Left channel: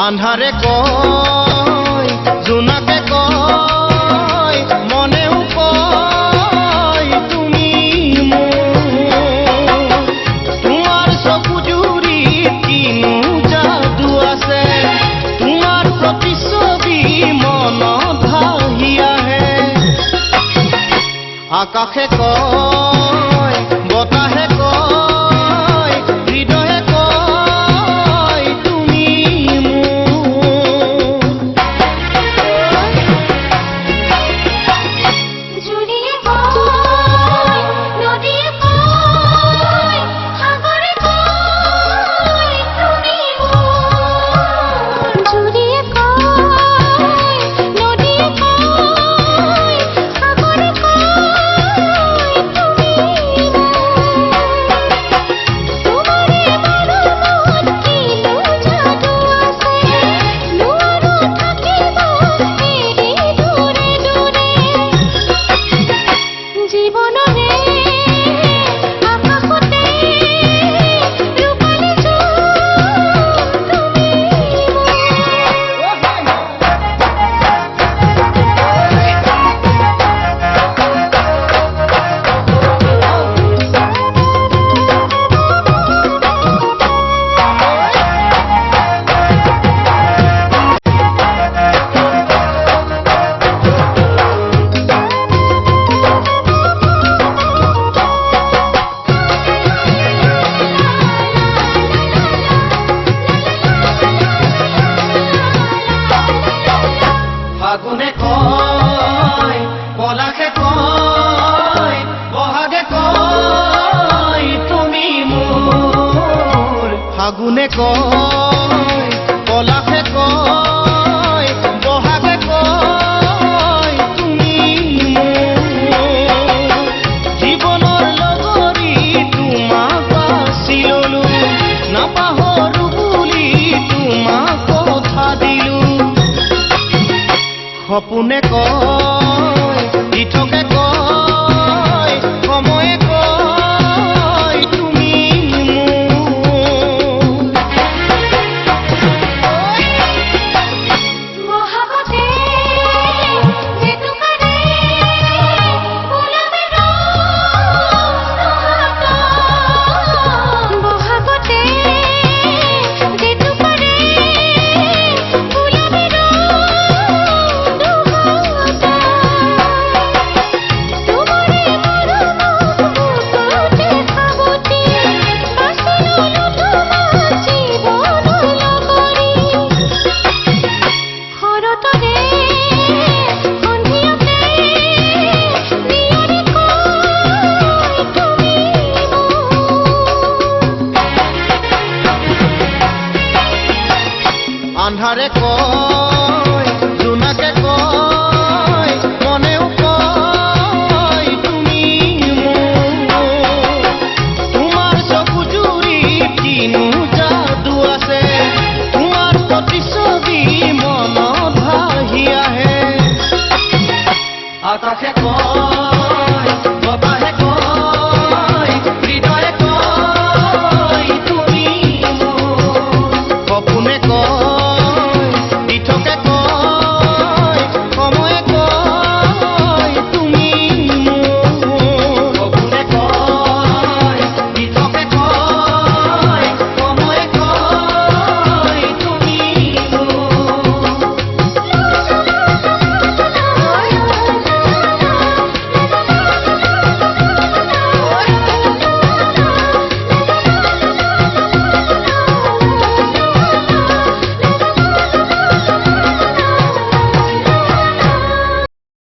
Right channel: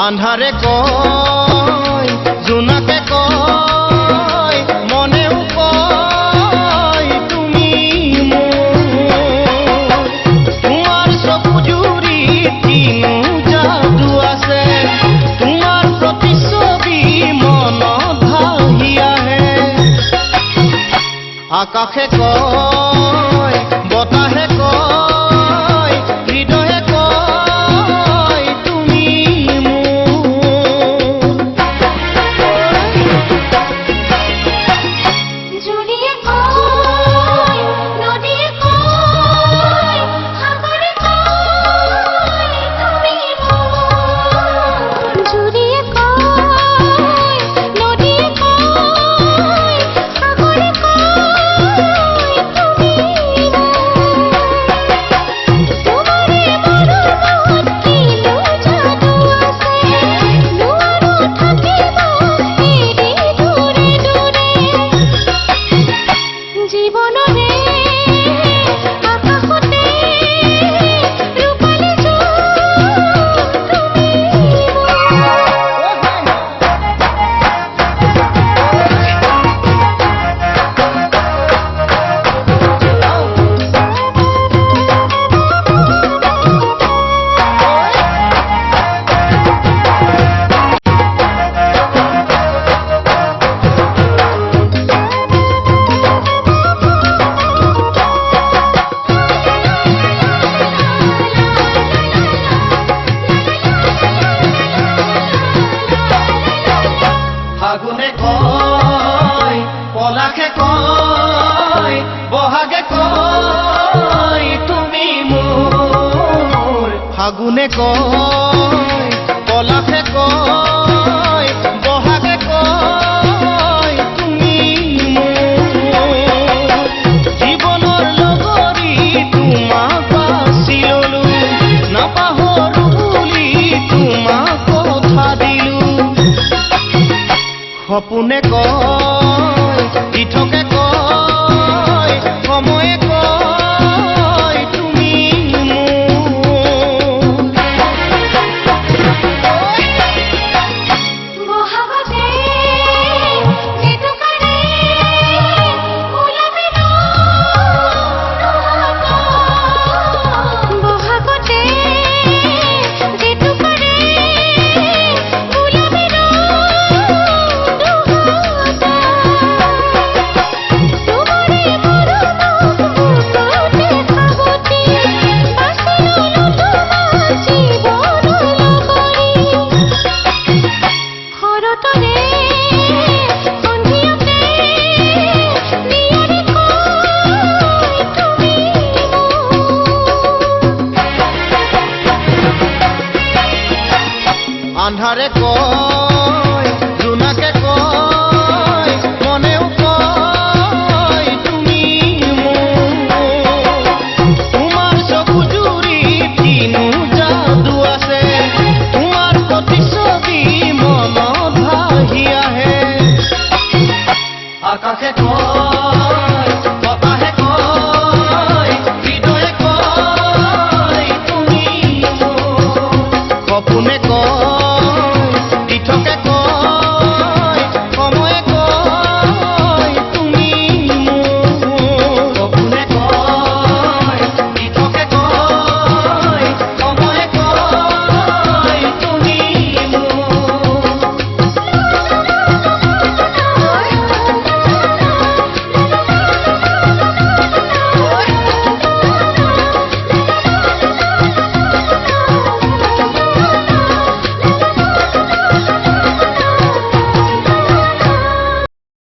আন্ধাৰে কয় জোনাকে কয় মনেও কয় তুমি মোৰ তোমাৰ চকু জুৰিত কিনো যাদু আছে তোমাৰ প্ৰতিচ্ছবি মনত ভাহি আহে আকাশে কয় বতাহে কয় হৃদয়ে কয় তুমি মোৰ জুৰিয়ে কয় নদীয়ে কয় সাগৰে কয় তুমি মোৰ জুৰিয়ে কয় নদীয়ে কয় সাগৰে কয় তুমি তোমাৰে মৰমত কিনো যাদু আছে নোৱাৰো থাকিব এৰি দূৰে দূৰে জীৱনৰে আকাশতে ৰূপালী জোন তুমি ফাগুনে কয় পলাশে কয় বহাগে কয় তুমি মোৰ ফাগুনে কয় পলাশে কয় বহাগে কয় তুমি মোৰ জীৱনৰ লগৰী তোমাক বাছি ললো নাপাহৰো বুলি তোমাক কথা দিলো সপোনে কয় দিঠকে কয় সময়ে কয় তুমি মোৰ বহাগতে জেতুকাৰে ওলাবি বহাগতে জেতুকাৰে ওলাবি তোমাৰে মৰমত বুকুতে সাৱটি বাছি ললো তোমাক জীৱন লগৰী শৰতৰে সন্ধিয়াতে নিয়ৰে কয় তুমি আন্ধাৰে কয় জোনাকে কয় মনেও কয় তুমি মোৰ তোমাৰ চকু জুৰিত কিনো যাদু আছে তোমাৰ প্ৰতিচ্ছবি মনত ভাহি আহে আকাশে কয়